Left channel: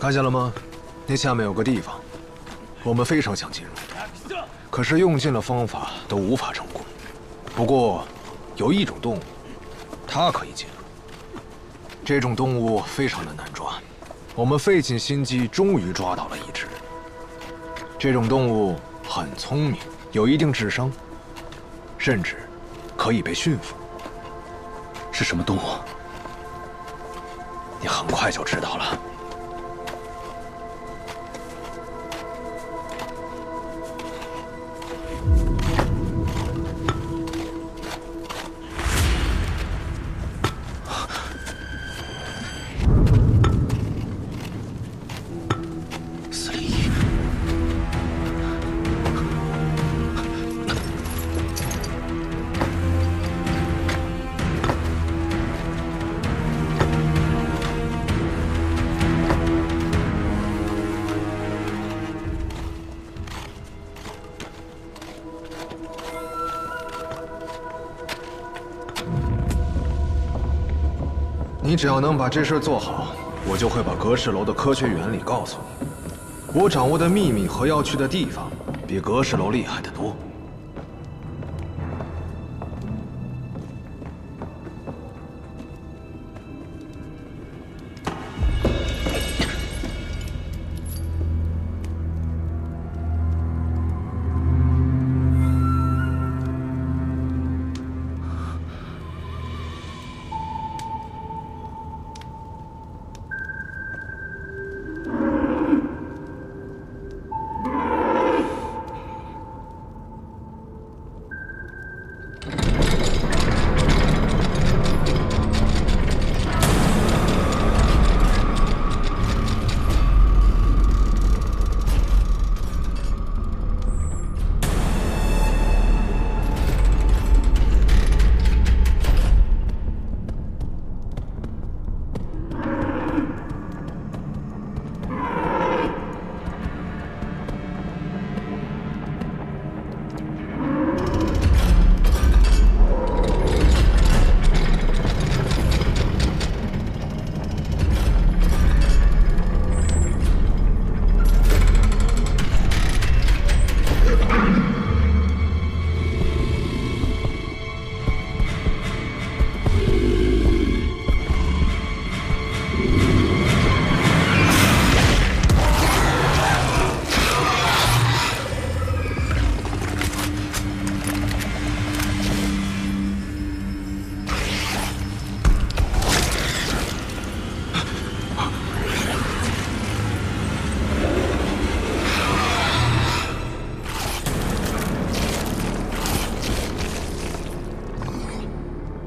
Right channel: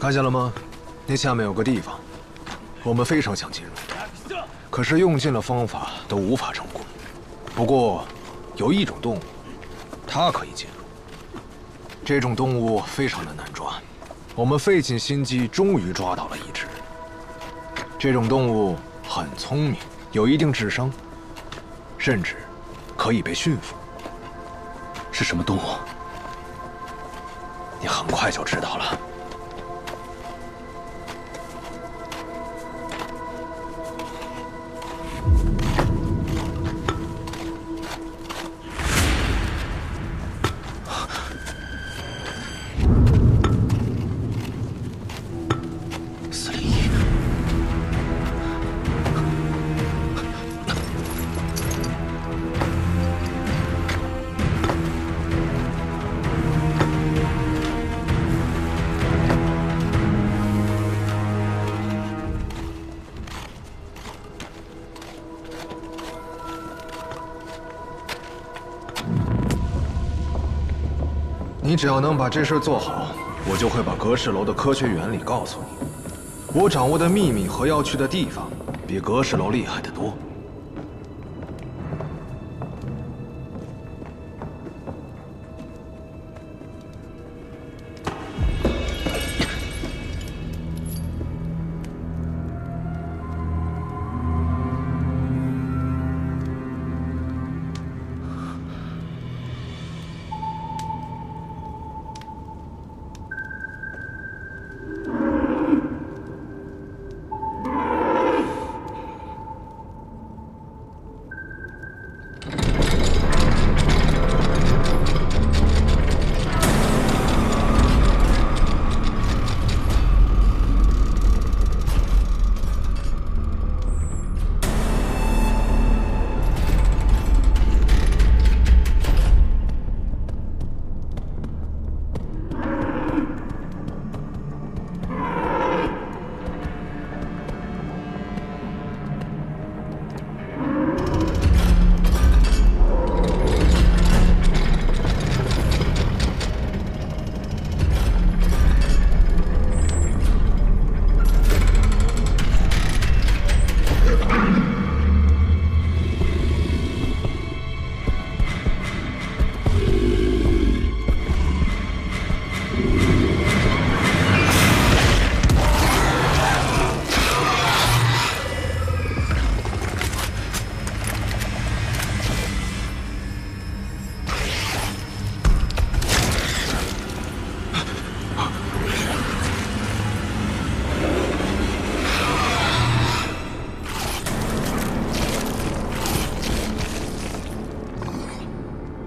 看见了吗？那下面有个地方，我们非常想进入，可是用尽了方法都无法成功。不过，有一种动物，它可以进入。这种动物非常的难抓，我们费尽心机，终于抓到了一只。这种动物很聪明，有一定智商，甚至可以被驯服。是什么动物？你很快就知道了。401。你只要能把这事做好，我就会把格式楼的科学原理告诉你。我掌握的秘密和要去的地方，比格式楼厉害得多。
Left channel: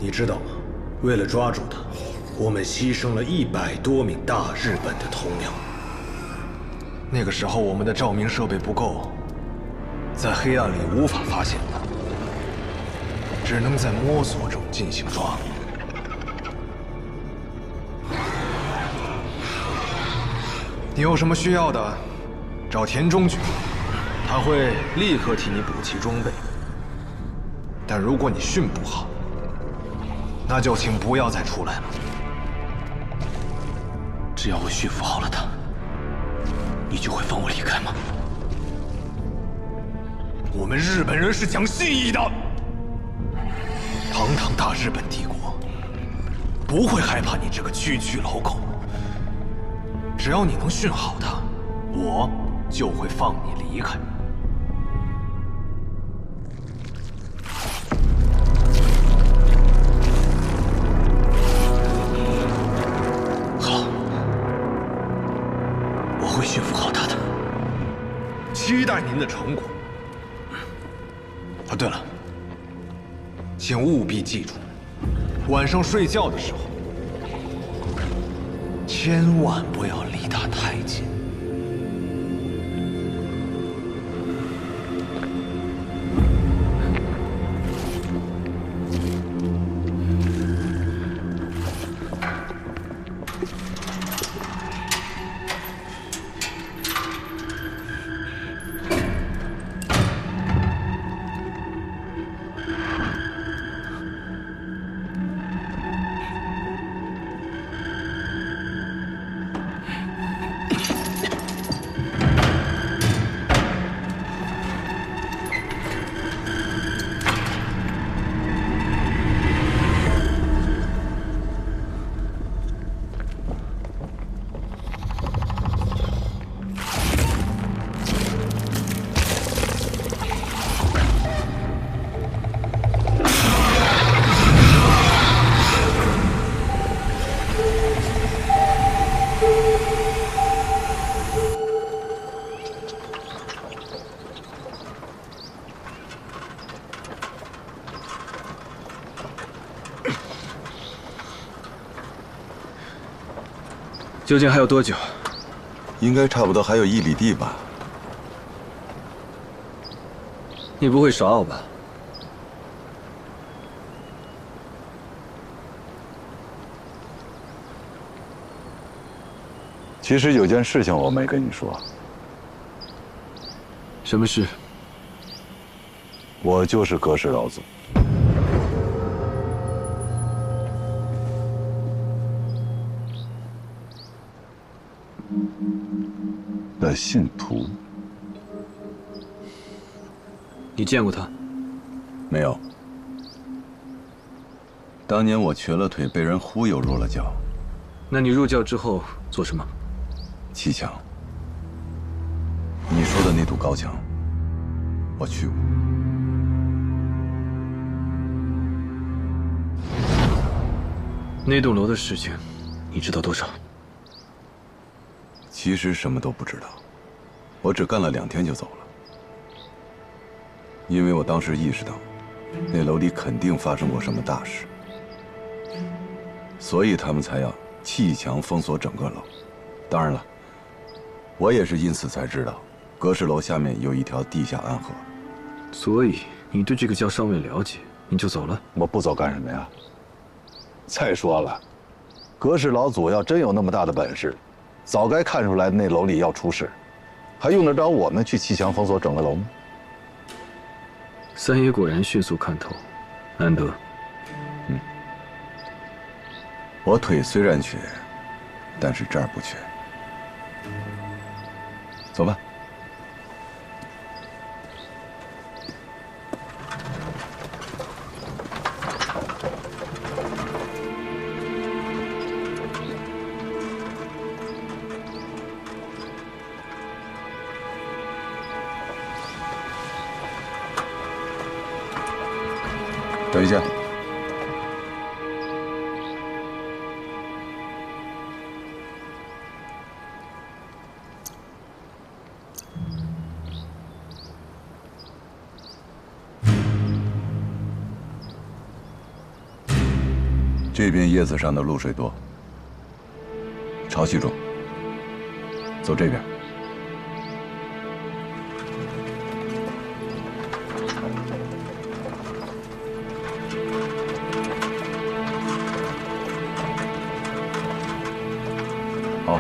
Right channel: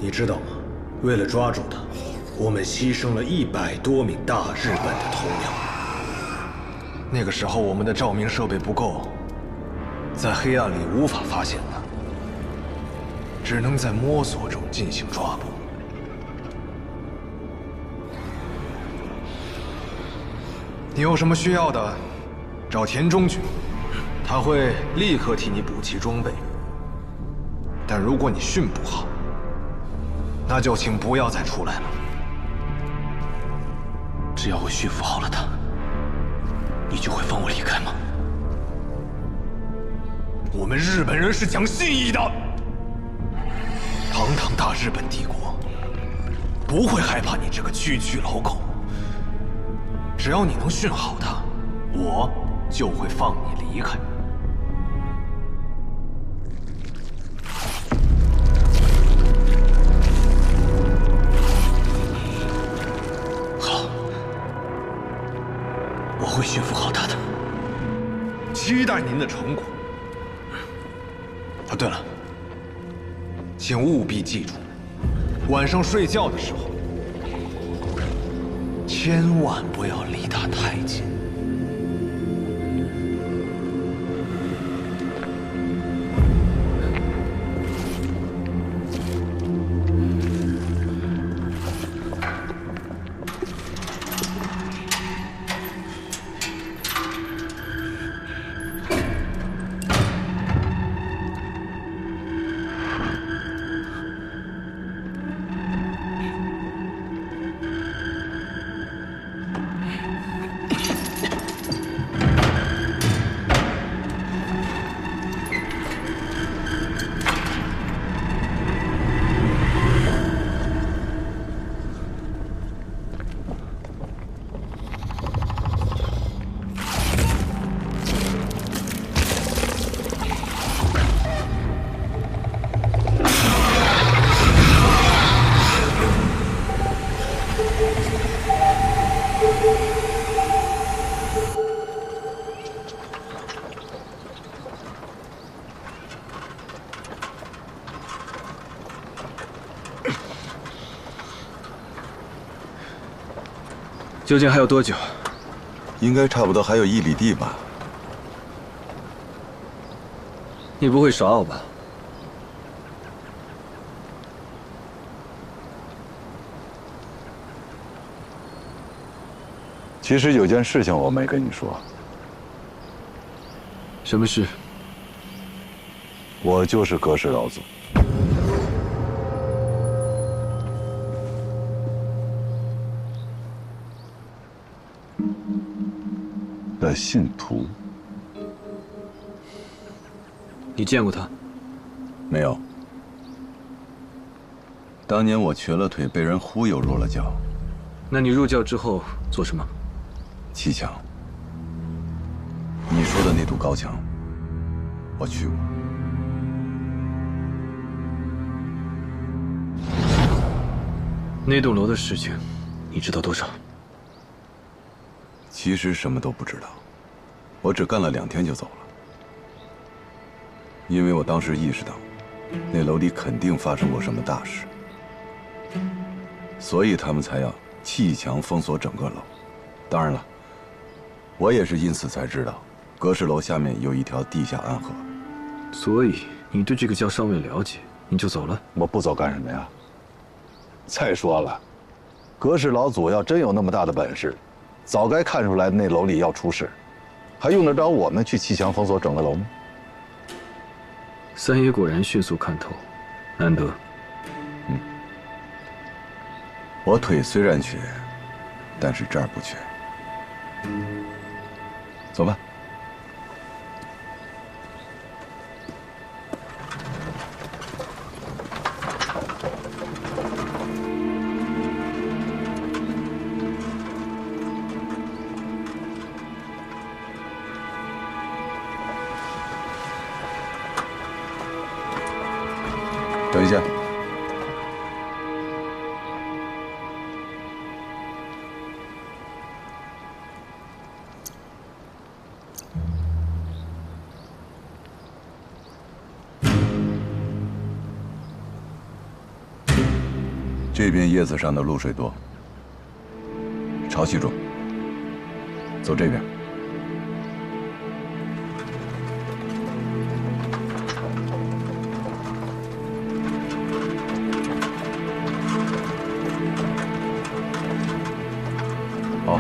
你知道吗？为了抓住他，我们牺牲了100多名大日本的头鸟。那个时候我们的照明设备不够，在黑暗里无法发现他，只能在摸索中进行抓捕。你有什么需要的，找田中君，他会立刻替你补齐装备。但如果你训不好，那就请不要再出来了。只要我驯服好了他，你就会放我离开吗？我们日本人是讲信义的，堂堂大日本帝国不会害怕你这个区区老狗。只要你能训好他，我就会放你离开。我会驯服好他的，期待您的成果。啊，对了，请务必记住，晚上睡觉的时候，千万不要离他太近。究竟还有多久？应该差不多还有1里地吧。你不会耍我吧？其实有件事情我没跟你说，什么事？我就是葛氏老祖的信徒。你见过他？没有。当年我瘸了腿，被人忽悠入了教。那你入教之后做什么？砌墙。你说的那堵高墙，我去过。那栋楼的事情，你知道多少？其实什么都不知道，我只干了2天就走了。因为我当时意识到，那楼里肯定发生过什么大事，所以他们才要砌墙封锁整个楼。当然了，我也是因此才知道，葛氏楼下面有一条地下暗河。所以你对这个教尚未了解，你就走了？我不走干什么呀？再说了，葛氏老祖要真有那么大的本事，早该看出来那楼里要出事，还用得着我们去砌墙封锁整个楼吗？三爷果然迅速看透，难得。我腿虽然瘸，但是这儿不瘸。走吧。等一下。这边叶子上的露水多，潮气重。走这边。好。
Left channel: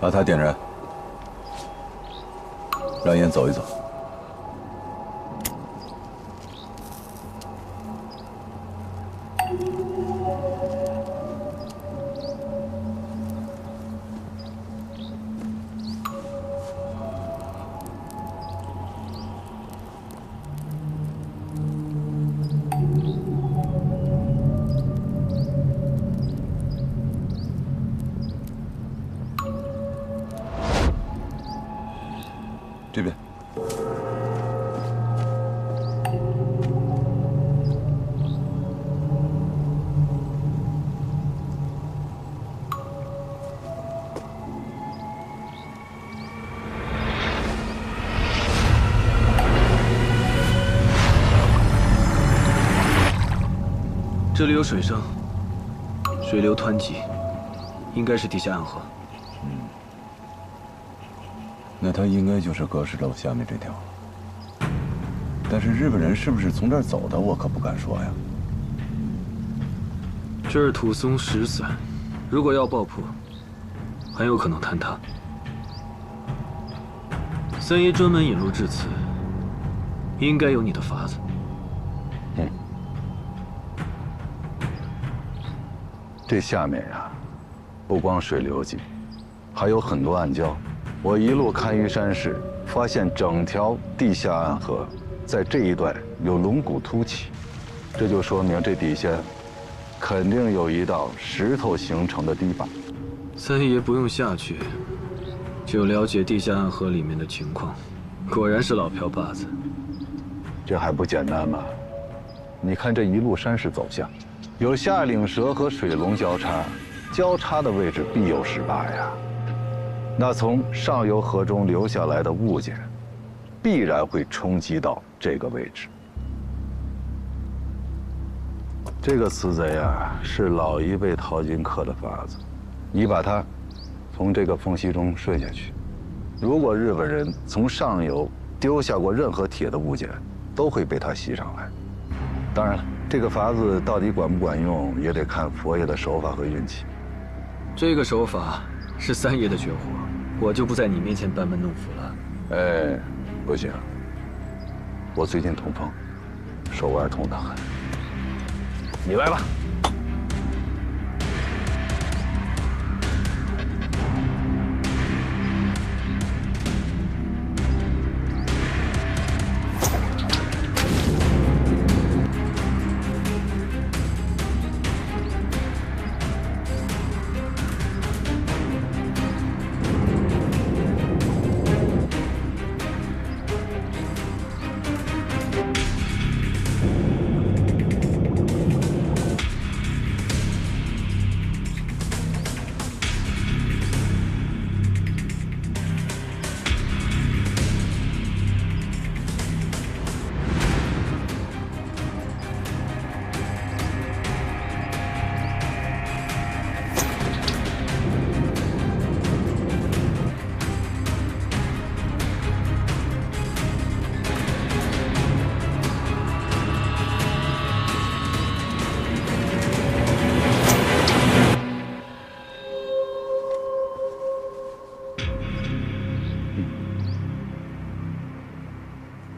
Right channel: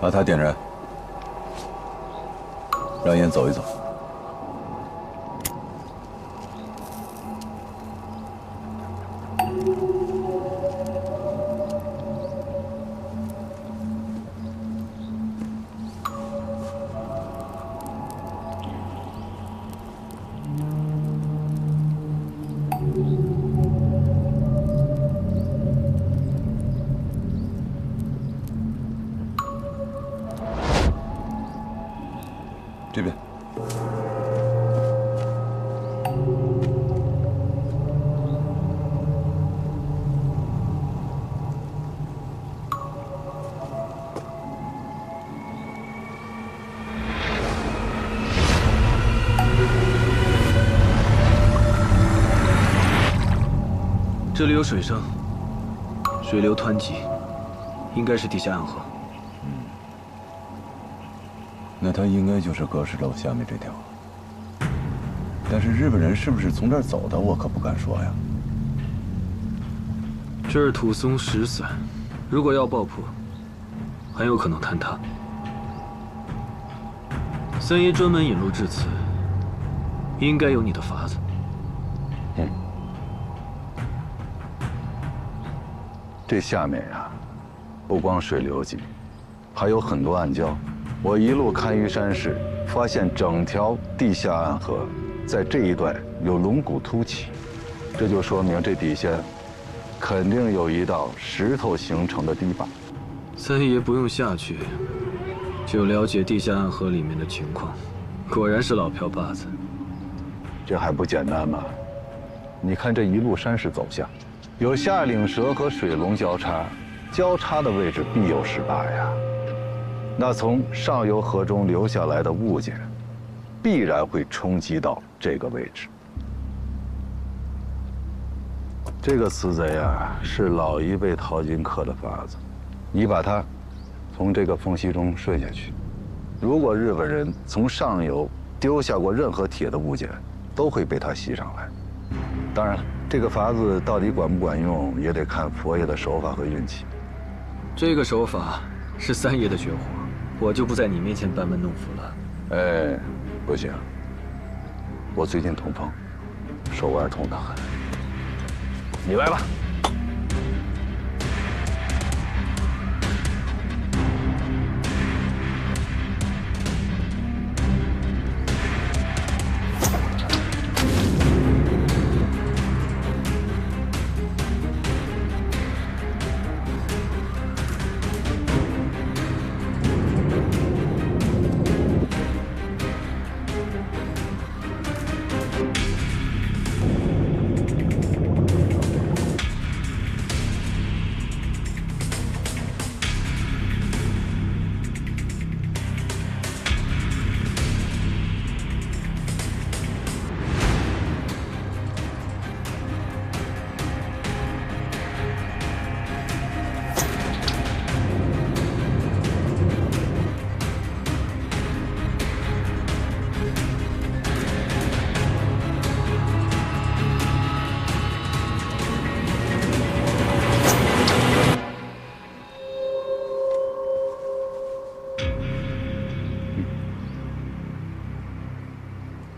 把它点燃，让烟走一走。这边。这里有水声，水流湍急，应该是地下暗河。那它应该就是葛氏楼下面这条了。但是日本人是不是从这儿走的，我可不敢说呀。这儿土松石散，如果要爆破，很有可能坍塌。三爷专门引路至此，应该有你的法子。这下面呀，不光水流急，还有很多暗礁。我一路看于山势，发现整条地下暗河在这一段有龙骨凸起，这就说明这底下肯定有一道石头形成的堤坝。三爷不用下去，就了解地下暗河里面的情况。果然是老瓢把子。这还不简单吗？你看这一路山势走向，有下岭蛇和水龙交叉，交叉的位置必有18呀。那从上游河中流下来的物件，必然会冲击到这个位置。这个死贼啊，是老一辈淘金客的法子。你把他从这个缝隙中顺下去，如果日本人从上游丢下过任何铁的物件，都会被他吸上来。当然了，这个法子到底管不管用，也得看佛爷的手法和运气。这个手法是三爷的绝活，我就不在你面前班门弄斧了。哎，不行，我最近痛风，手腕痛得很。你来吧。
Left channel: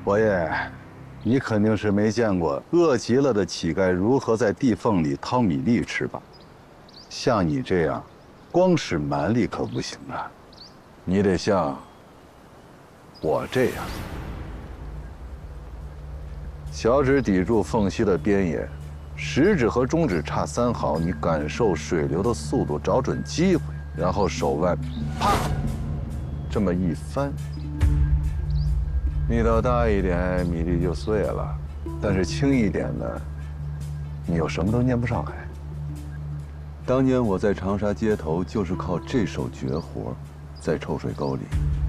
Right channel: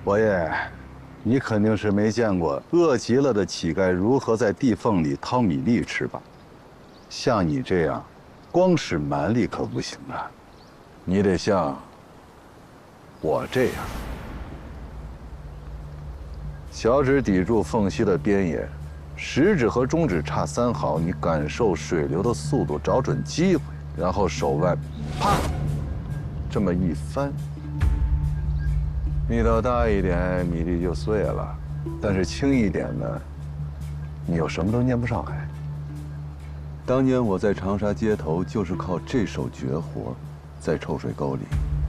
佛爷，你肯定是没见过饿极了的乞丐如何在地缝里掏米粒吃吧？像你这样，光使蛮力可不行啊，你得像我这样，小指抵住缝隙的边沿，食指和中指差3毫，你感受水流的速度，找准机会，然后手腕，啪，这么一翻。力道大一点，米粒就碎了；但是轻一点呢，你又什么都念不上来。当年我在长沙街头就是靠这手绝活，在臭水沟里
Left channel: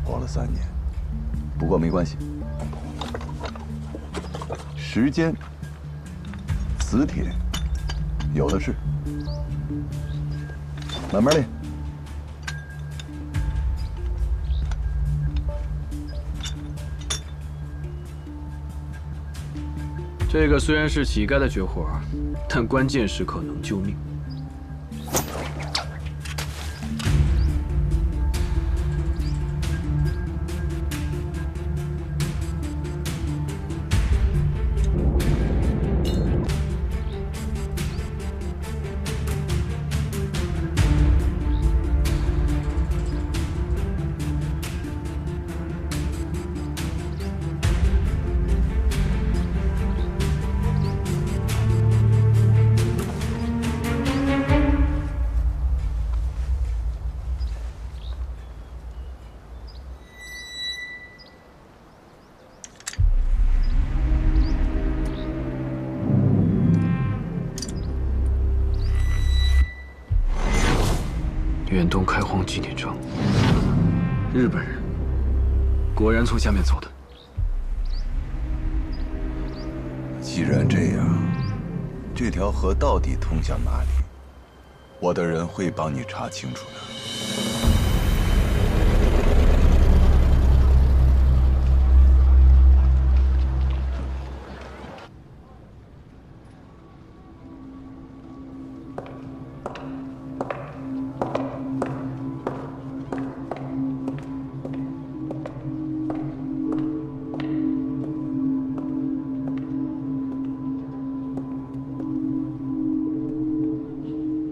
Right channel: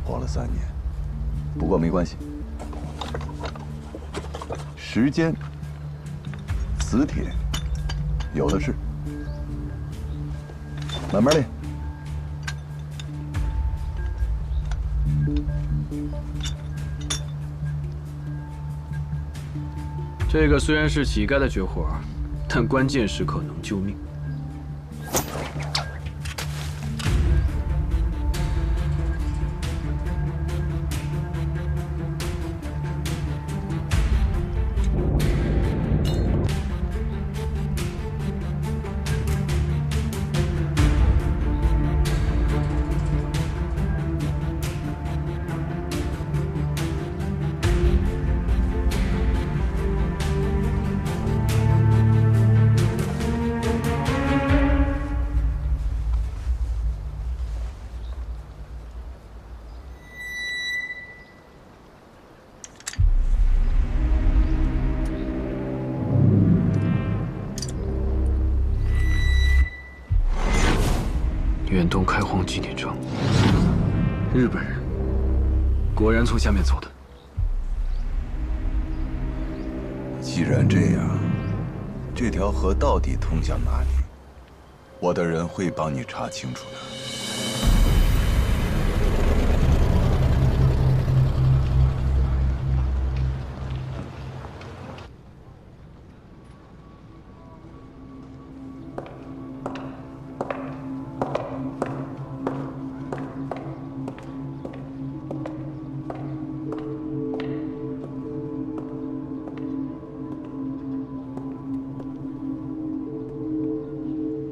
活了3年。不过没关系，时间、磁铁有的是，慢慢练。这个虽然是乞丐的绝活，但关键时刻能救命。远东开荒纪念章，日本人果然从下面走的。既然这样，这条河到底通向哪里？我的人会帮你查清楚的。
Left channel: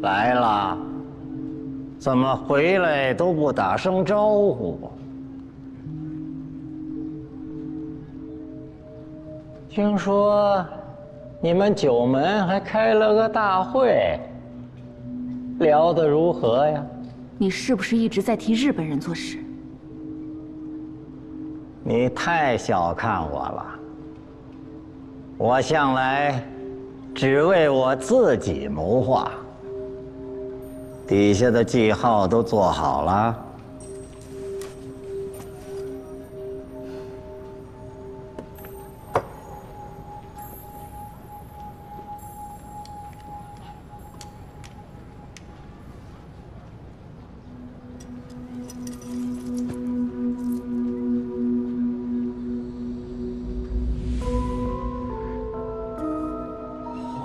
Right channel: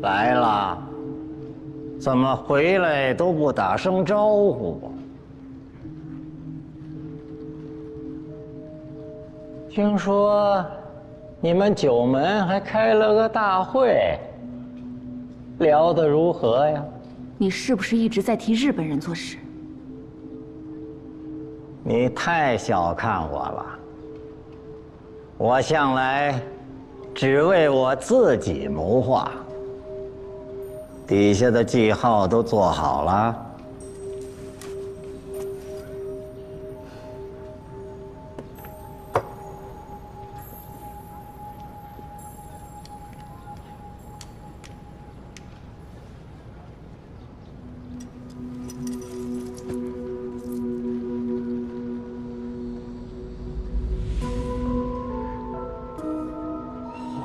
来了，怎么回来都不打声招呼？听说你们九门还开了个大会，聊得如何呀？你是不是一直在替日本人做事？你太小看我了。我向来只为我自己谋划，底下的记号都做好了。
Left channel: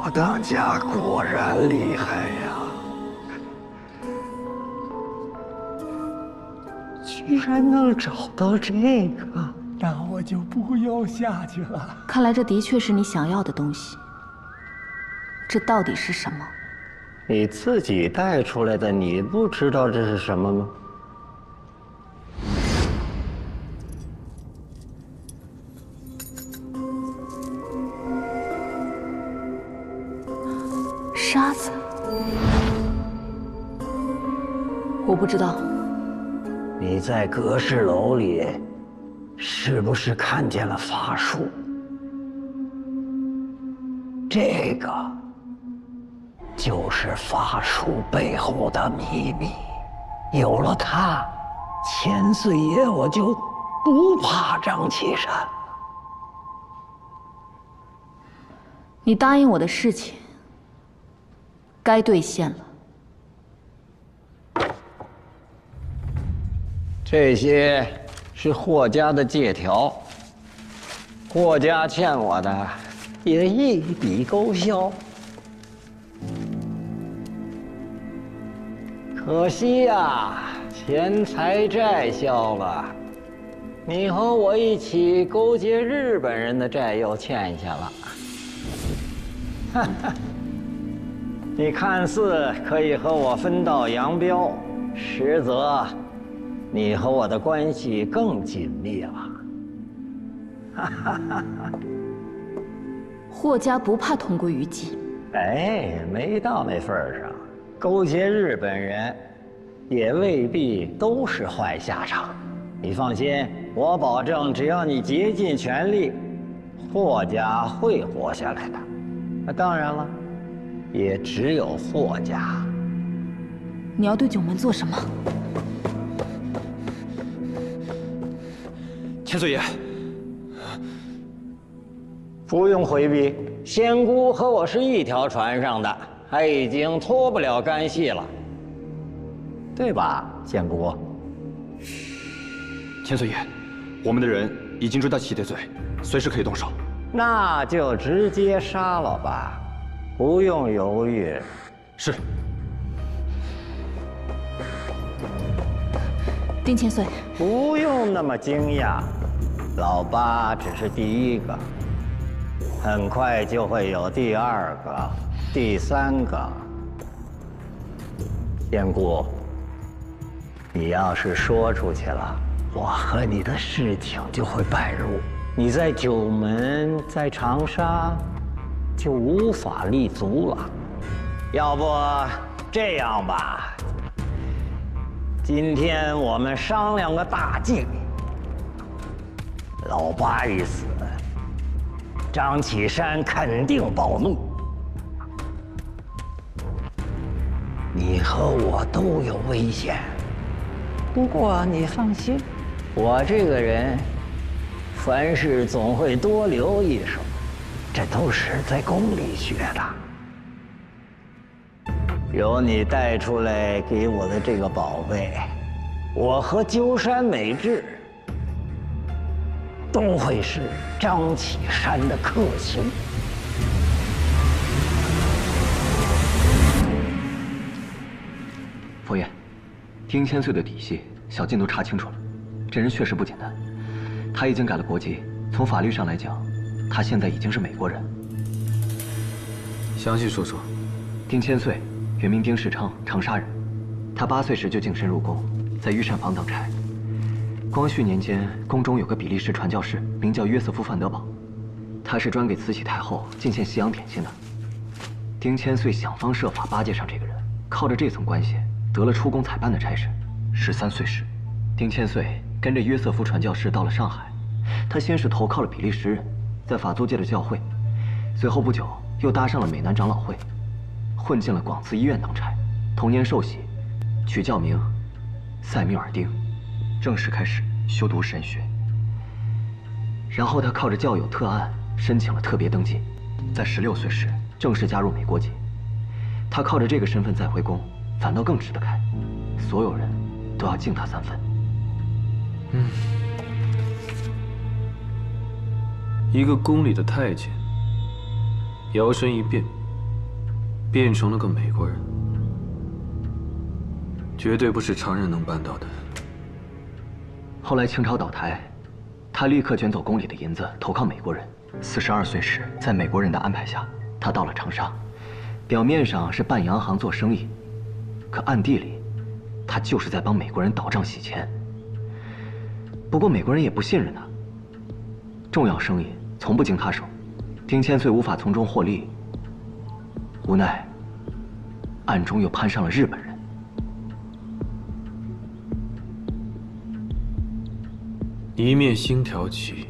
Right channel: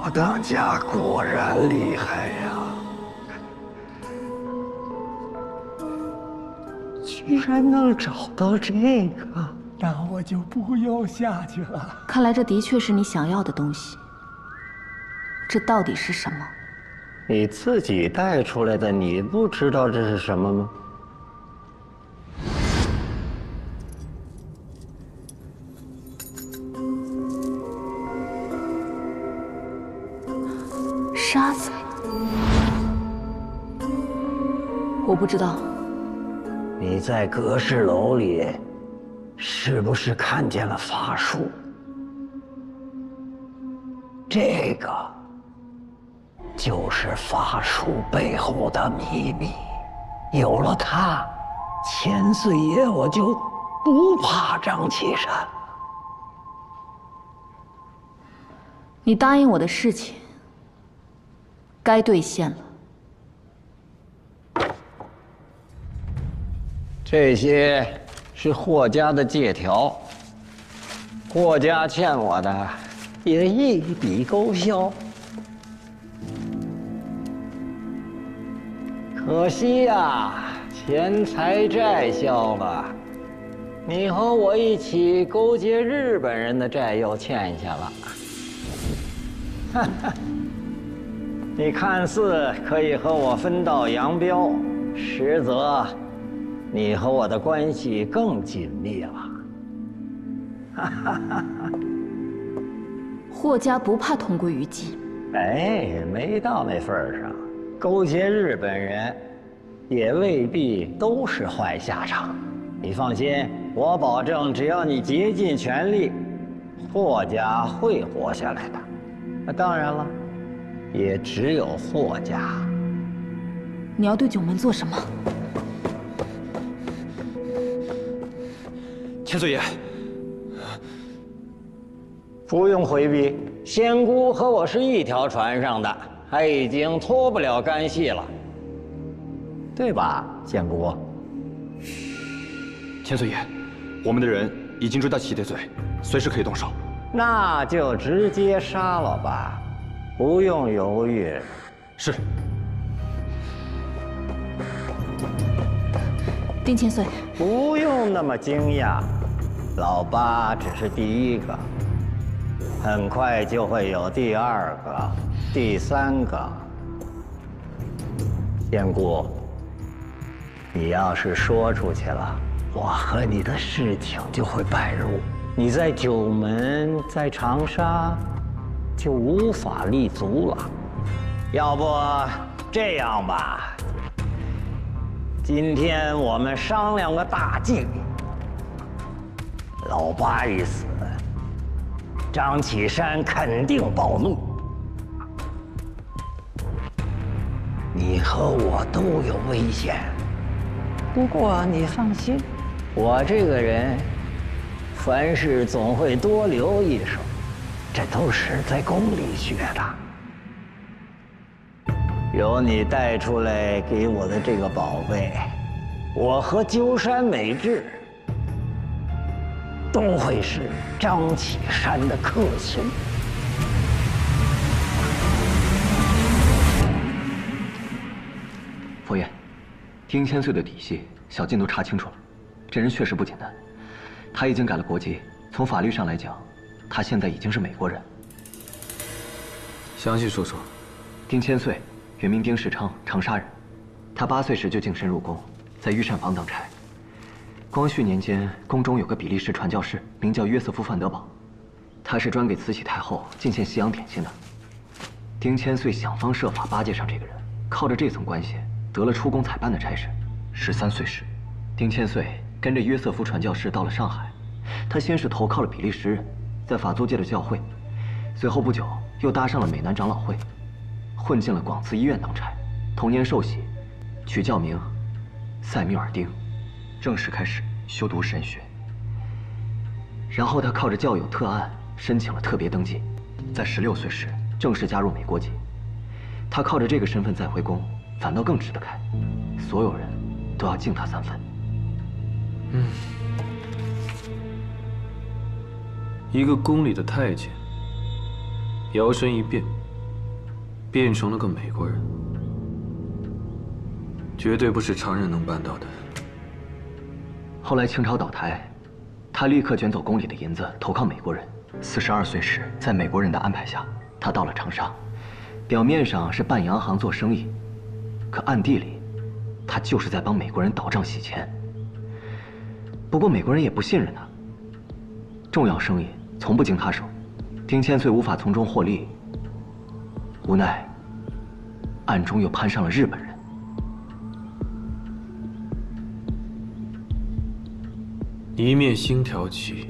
我当家果然厉害呀！居然能找到这个，那我就不要下去了。看来这的确是你想要的东西。这到底是什么？你自己带出来的，你不知道这是什么吗？沙子，我不知道。你在阁侍楼里，是不是看见了法术？这个就是法术背后的秘密。有了它，千岁爷我就不怕张启山了。你答应我的事情，该兑现了。这些是霍家的借条，霍家欠我的也一笔勾销。可惜呀，钱财债消了，你和我一起勾结日本人的债又欠下了。哈哈。你看似可以和我分道扬镳，实则你和我的关系更紧密了。哈哈哈哈！霍家不怕同归于尽。哎，没到那份儿上，勾结日本人也未必都是坏下场。你放心，我保证，只要你竭尽全力，霍家会活下来的。那当然了。也只有霍家。你要对九门做什么？千岁爷，不用回避，仙姑和我是一条船上的，她已经脱不了干系了，对吧，仙姑？千岁爷，我们的人已经追到齐贼罪，随时可以动手。那就直接杀了吧。不用犹豫。是。丁千岁，不用那么惊讶，老八只是第一个，很快就会有第二个、第三个。仙姑，你要是说出去了，我和你的事情就会败露。你在九门，在长沙。就无法立足了。要不这样吧，今天我们商量个大计。老八一死，张启山肯定暴怒，你和我都有危险。不过你放心，我这个人凡事总会多留一手。这都是在宫里学的。有你带出来给我的这个宝贝，我和鸠山美智都会是张启山的克星。佛爷，丁千岁的底细，小静都查清楚了。这人确实不简单，他已经改了国籍，从法律上来讲。他现在已经是美国人。详细说说。丁千岁，原名丁世昌，长沙人。他8岁时就净身入宫，在御膳房当差。光绪年间，宫中有个比利时传教士，名叫约瑟夫·范德堡，他是专给慈禧太后进献西洋点心的。丁千岁想方设法巴结上这个人，靠着这层关系得了出宫采办的差事。13岁时，丁千岁跟着约瑟夫传教士到了上海。他先是投靠了比利时人，在法租界的教会，随后不久又搭上了美南长老会，混进了广慈医院当差。同年受洗，取教名塞缪尔丁，正式开始修读神学。然后他靠着教友特案申请了特别登记，在16岁时正式加入美国籍。他靠着这个身份再回宫，反倒更吃得开，所有人都要敬他3分。一个宫里的太监，摇身一变，变成了个美国人，绝对不是常人能办到的。后来清朝倒台，他立刻卷走宫里的银子，投靠美国人。42岁时，在美国人的安排下，他到了长沙，表面上是办洋行做生意，可暗地里，他就是在帮美国人倒账洗钱。不过美国人也不信任他，重要生意从不经他手，丁千岁无法从中获利，无奈暗中又攀上了日本人。一面星条旗，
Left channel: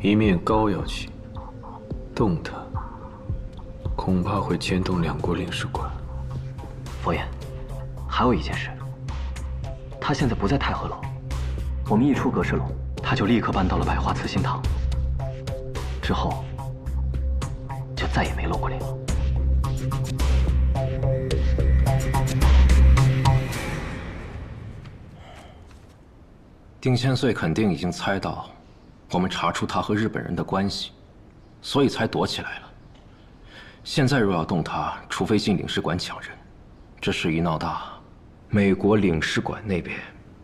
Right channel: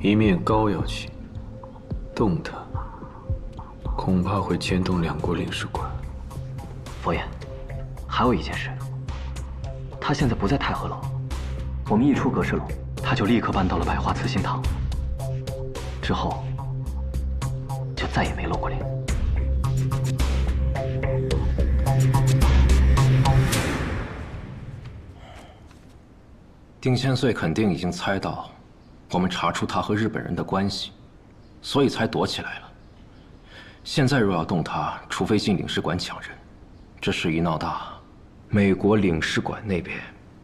一面膏药旗，动它，恐怕会牵动2国领事馆。佛爷，还有一件事，他现在不在太和楼，我们一出阁侍楼，他就立刻搬到了百花慈心堂，之后就再也没露过脸。丁千岁肯定已经猜到我们查出他和日本人的关系，所以才躲起来了。现在若要动他，除非进领事馆抢人，这事一闹大，美国领事馆那边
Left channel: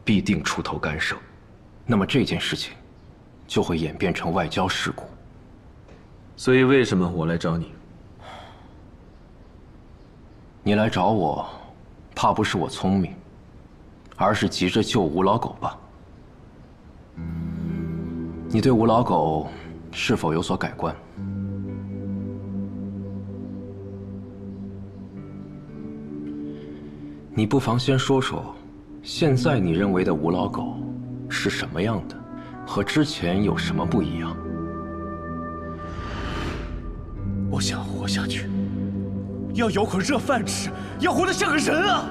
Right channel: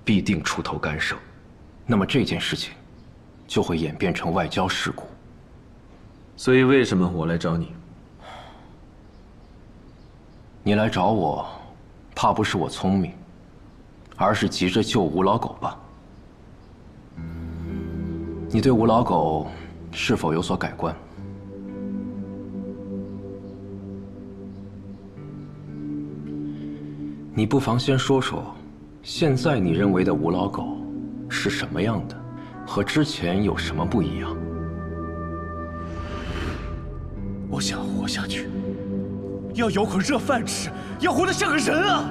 必定出头干涉，那么这件事情就会演变成外交事故。所以为什么我来找你？你来找我，怕不是我聪明，而是急着救吴老狗吧？你对吴老狗是否有所改观？你不妨先说说，现在你认为的吴老狗是什么样的，和之前有什么不一样？我想活下去，要有口热饭吃，要活得像个人啊！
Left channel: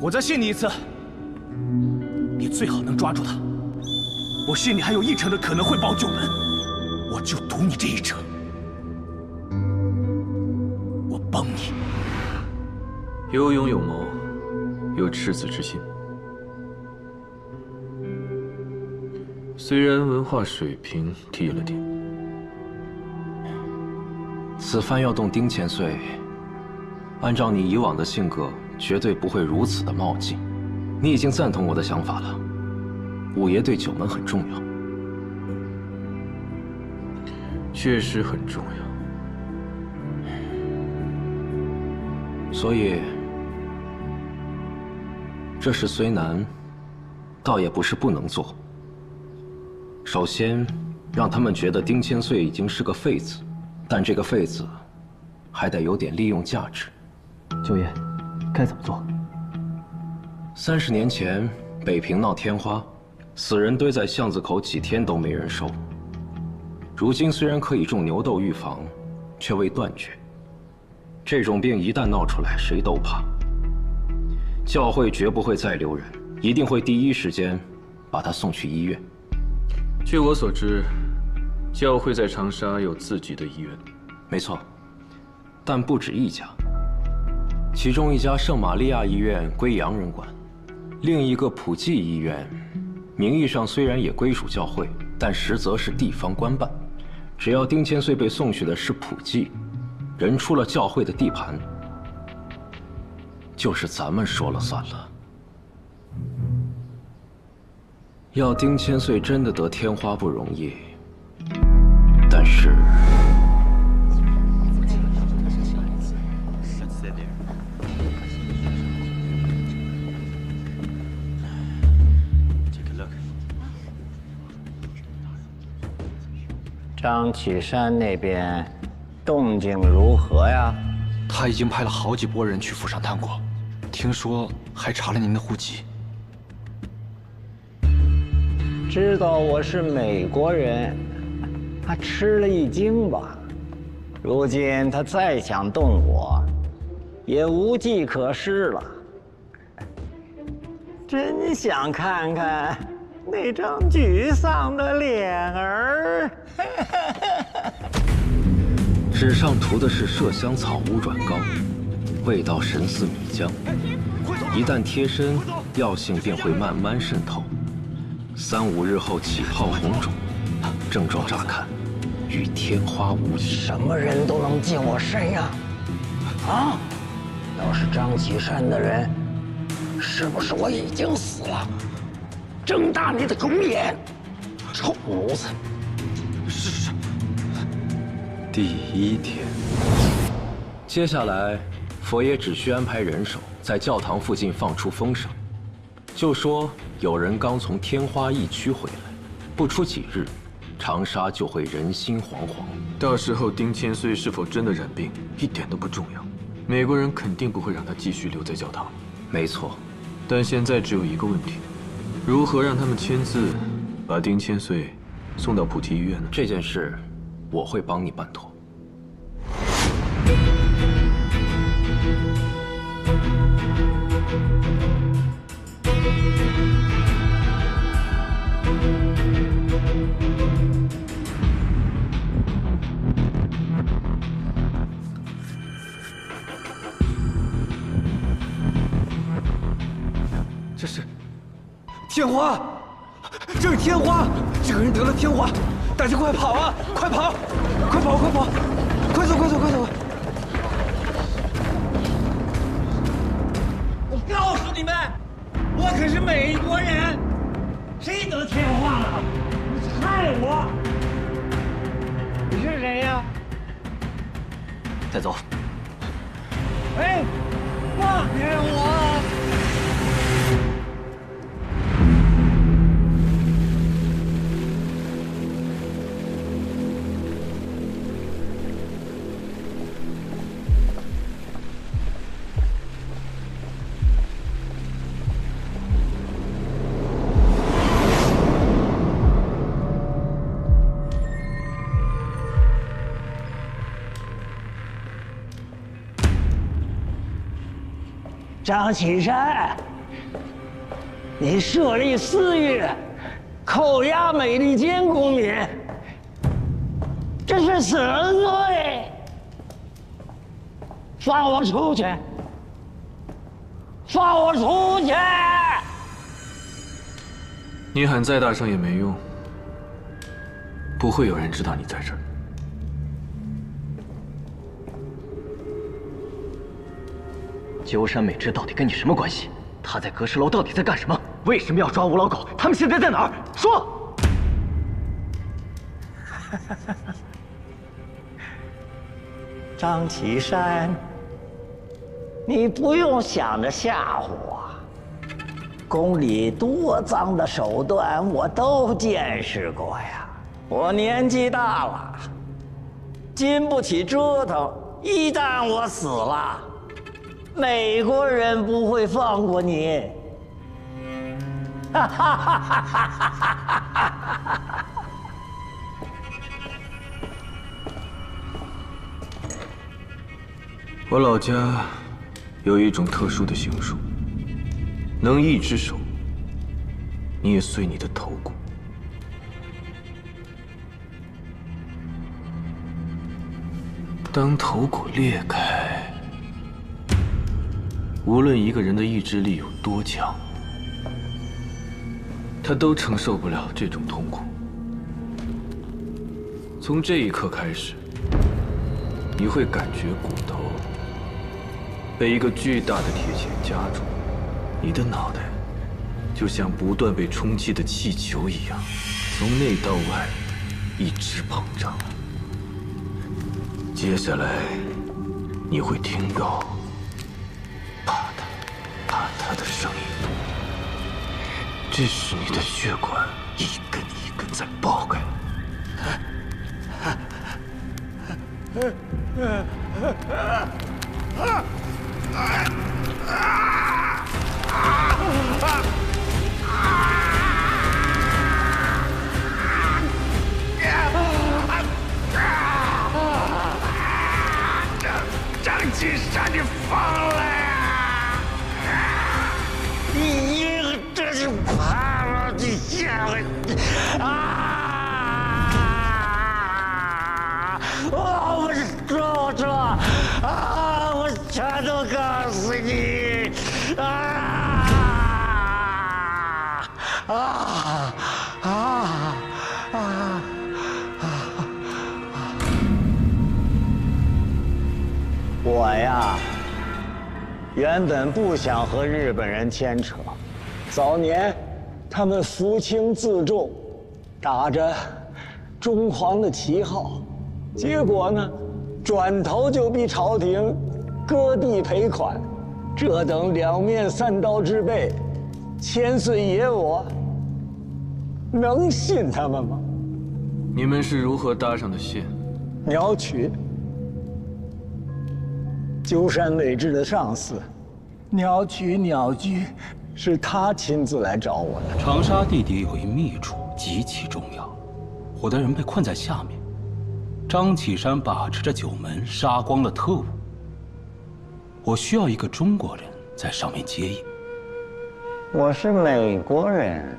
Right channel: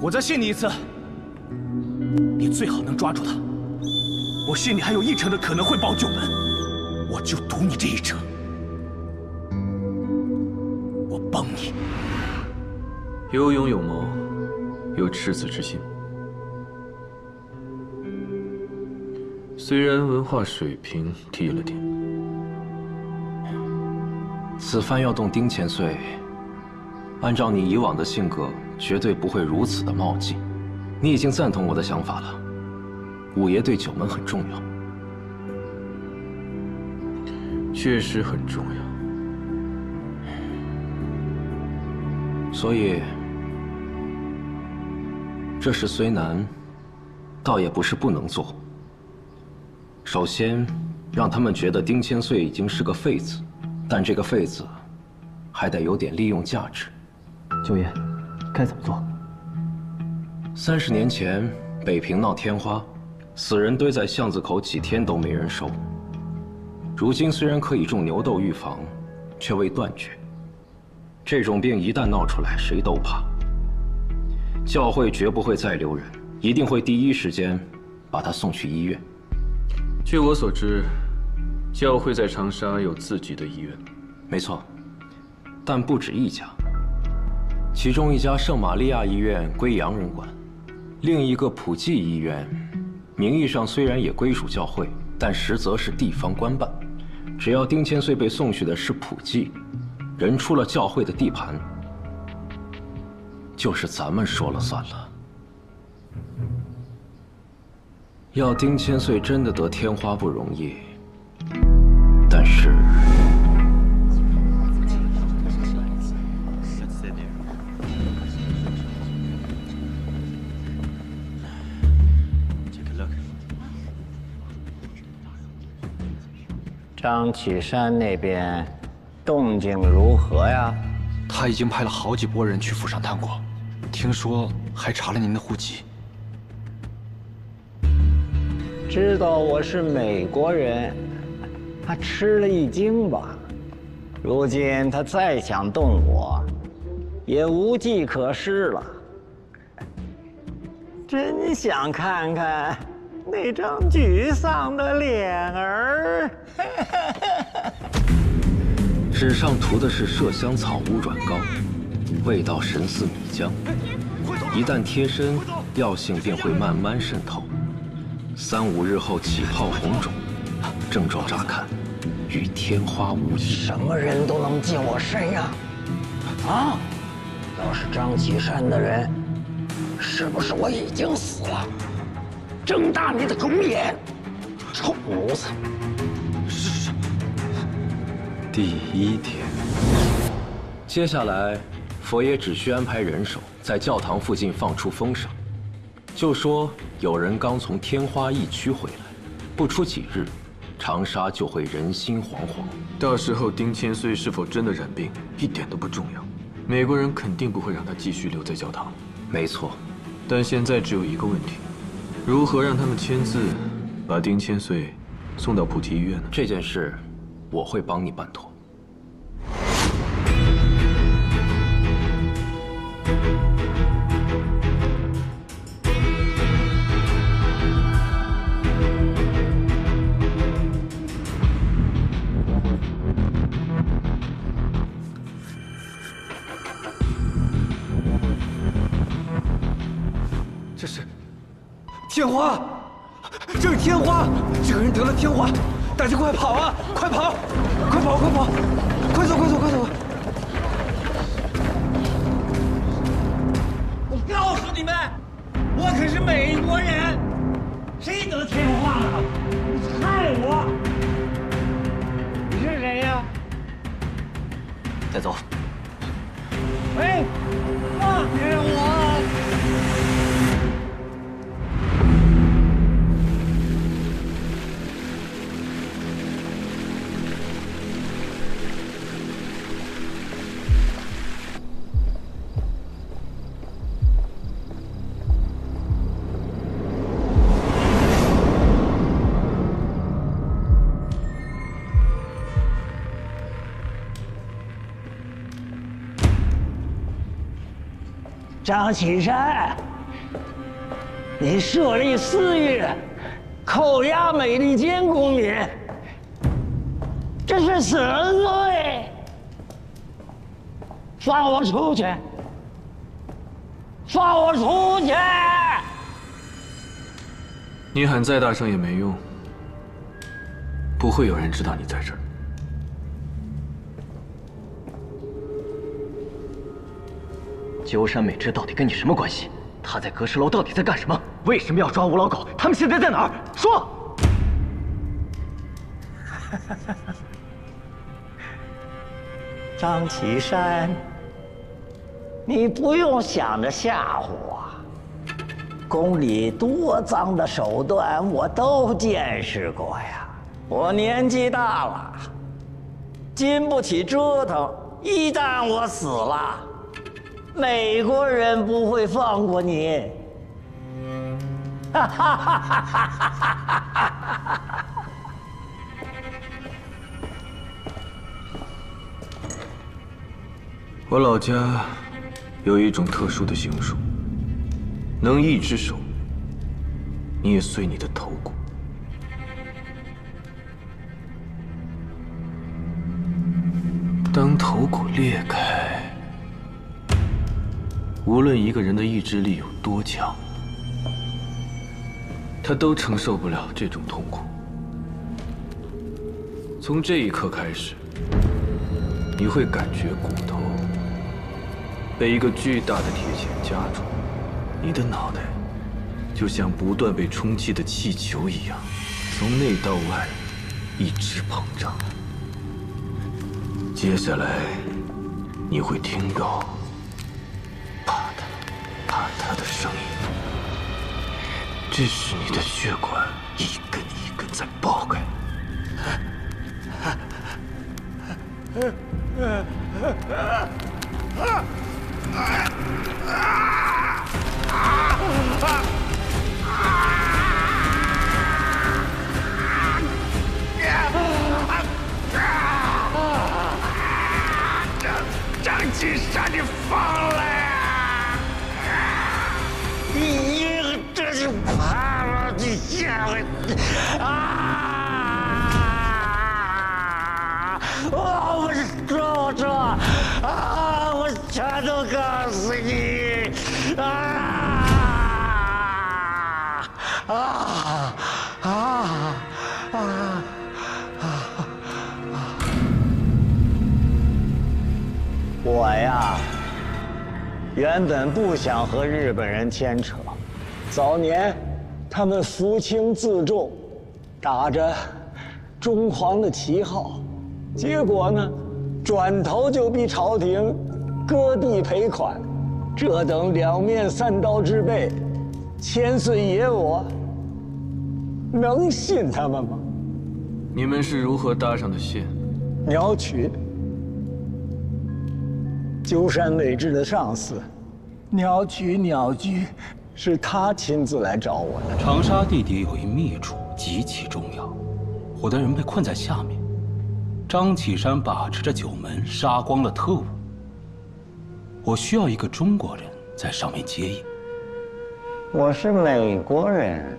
我再信你一次，你最好能抓住他。我信你还有1成的可能会保9门，我就赌你这1成。我帮你。有勇有谋，有赤子之心。虽然文化水平低了点，此番要动丁千岁，按照你以往的性格，绝对不会如此的冒进。你已经赞同我的想法了。五爷对9门很重要，确实很重要。所以，这事虽难，倒也不是不能做。首先，让他们觉得丁千岁已经是个废子，但这个废子还得有点利用价值。九爷，该怎么做？30年前，北平闹天花，死人堆在巷子口几天都没人收。如今虽然可以种牛痘预防，却未断绝。这种病一旦闹出来，谁都怕。教会绝不会再留人，一定会第一时间把他送去医院。据我所知，教会在长沙有自己的医院。没错，但不止一家。其中一家圣玛利亚医院归洋人管，另一个普济医院，名义上虽然也归属教会，但实则是地方官办。只要丁千岁被送去的是普济，人出了教会的地盘，就是咱们说了算了。要丁千岁真的得天花不容易，但是张启山那边动静如何呀？他已经派了好几拨人去府上探过，听说还查了您的户籍。知道我是美国人，他吃了一惊吧。如今他再想动我，也无计可施了。真想看看那张沮丧的脸儿。纸上涂的是麝香草乌软膏，味道神似米浆，一旦贴身，药性便会慢慢渗透，3、5日后起泡红肿，症状乍看与天花无异。什么人都能进我身呀？啊！要是张启山的人，是不是我已经死了？睁大你的狗眼，臭奴才！是。第1天，接下来，佛爷只需安排人手在教堂附近放出风声，就说有人刚从天花疫区回来，不出几日，长沙就会人心惶惶。到时候丁千岁是否真的染病，一点都不重要。美国人肯定不会让他继续留在教堂里。没错，但现在只有一个问题：如何让他们签字，把丁千岁送到普提医院呢？这件事，我会帮你办妥。这是天花，这是天花，这个人得了天花，大家快跑啊！快跑！快跑！快跑！快走！快走！快走！我告诉你们，我可是美国人，谁得天花了？你害我！你是谁呀？带走。喂，放开我！张启山，你设立私狱，扣押美利坚公民，这是死人罪！放我出去！放我出去！你喊再大声也没用，不会有人知道你在这儿。鸠山美智到底跟你什么关系？他在阁石楼到底在干什么？为什么要抓吴老狗？他们现在在哪儿？说！张启山，你不用想着吓唬我，宫里多脏的手段我都见识过呀。我年纪大了，经不起折腾。一旦我死了，美国人不会放过你。我老家有一种特殊的刑术，能一只手捏碎你的头骨。当头骨裂开，无论一个人的意志力有多强，他都承受不了这种痛苦。从这一刻开始，你会感觉骨头被一个巨大的铁钳夹住，你的脑袋就像不断被充气的气球一样，从内到外一直膨胀。接下来，你会听到啪嗒啪嗒的声音，这是你的血管一根一根在爆开。我说啊！我全都告诉你！我呀，原本不想和日本人牵扯。早年，他们扶清自重，打着中皇的旗号，结果呢，转头就逼朝廷割地赔款。这等两面三刀之辈，千岁爷我能信他们吗？你们是如何搭上的线？鸟取，鸠山美智的上司，鸟居是他亲自来找我的。长沙地底有一秘处极其重要，我的人被困在下面，张启山把持着九门，杀光了特务。我需要一个中国人在上面接应。我是美国人，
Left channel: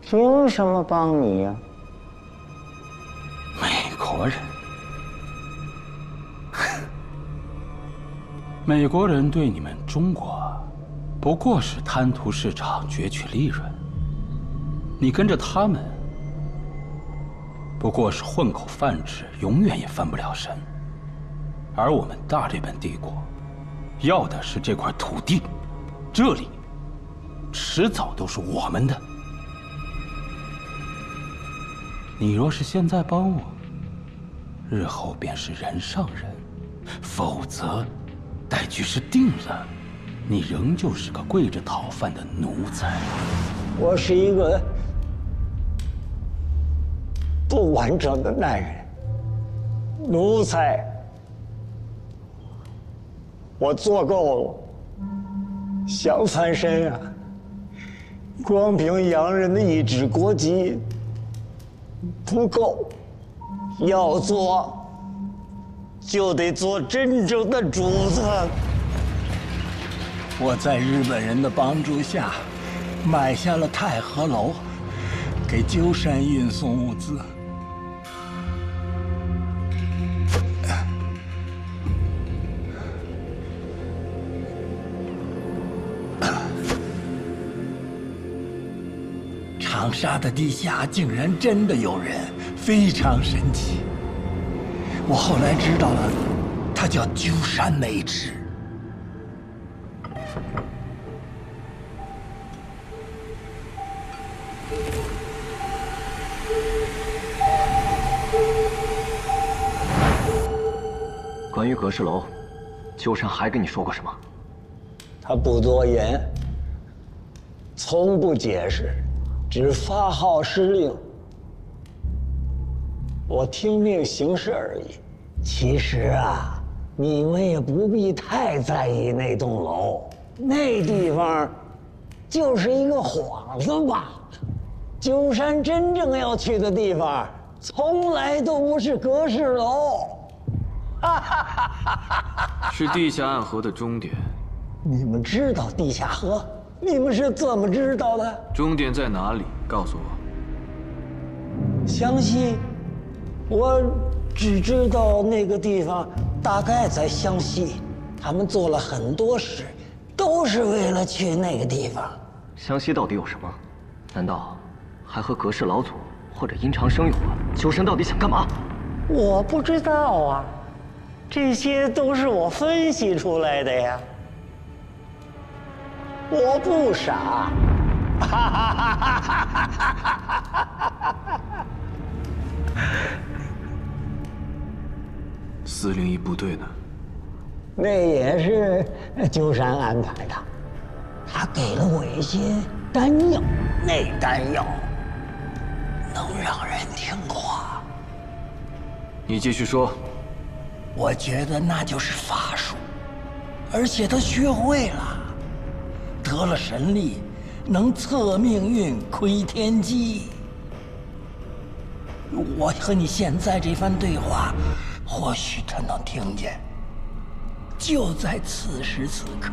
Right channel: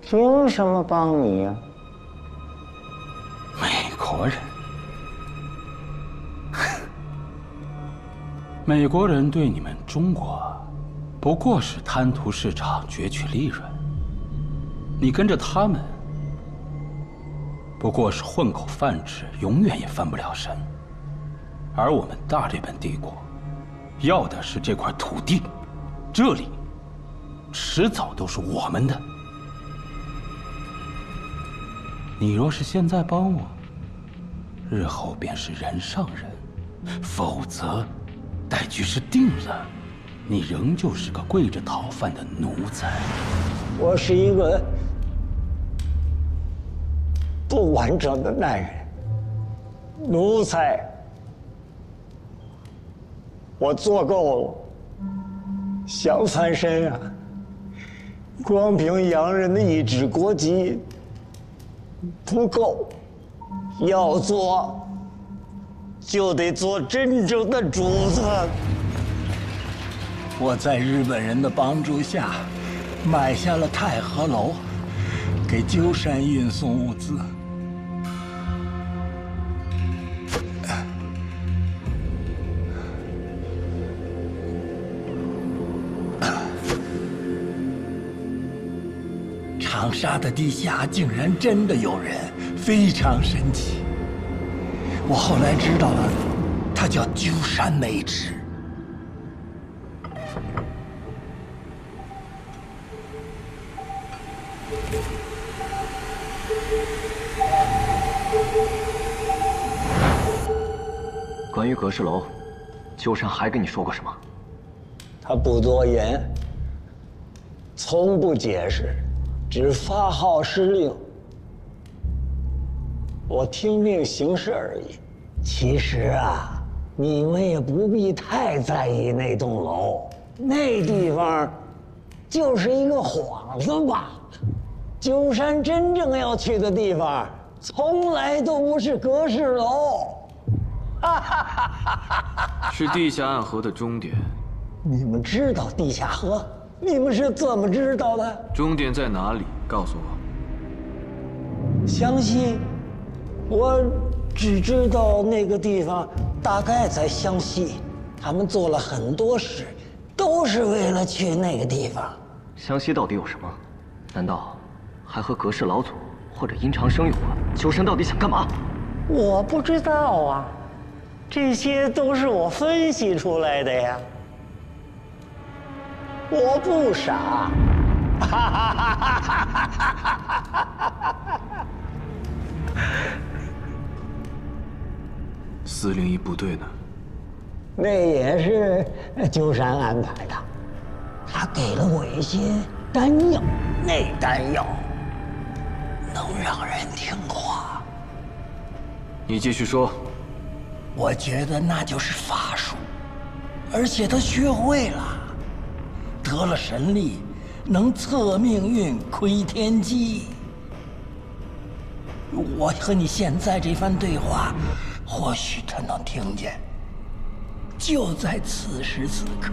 凭什么帮你呀？美国人，美国人对你们中国不过是贪图市场、攫取利润，你跟着他们不过是混口饭吃，永远也翻不了身。而我们大日本帝国要的是这块土地，这里迟早都是我们的。你若是现在帮我，日后便是人上人；否则，待局势定了，你仍旧是个跪着讨饭的奴才。我是一个不完整的男人，奴才。我做够了，想翻身啊，光凭洋人的一纸国籍不够，要做就得做真正的主子。我在日本人的帮助下，买下了太和楼，给鸠山运送物资。长沙的地下竟然真的有人，非常神奇。我后来知道了，他叫鸠山美智。关于阁氏楼，鸠山还跟你说过什么？他不多言，从不解释，只发号施令。我听命行事而已。其实啊，你们也不必太在意那栋楼，那地方就是一个幌子罢了。鸠山真正要去的地方，从来都不是阁氏楼。是地下暗河的终点。你们知道地下河？你们是怎么知道的？终点在哪里？告诉我。湘西，我只知道那个地方大概在湘西。他们做了很多事，都是为了去那个地方。湘西到底有什么？难道还和阁氏老祖或者殷长生有关？鸠山到底想干嘛？我不知道啊。这些都是我分析出来的呀，我不傻。401部队呢？那也是鸠山安排的，他给了我一些丹药，那丹药能让人听话。你继续说。我觉得那就是法术，而且他学会了，得了神力，能测命运、窥天机。我和你现在这番对话，或许他能听见。就在此时此刻。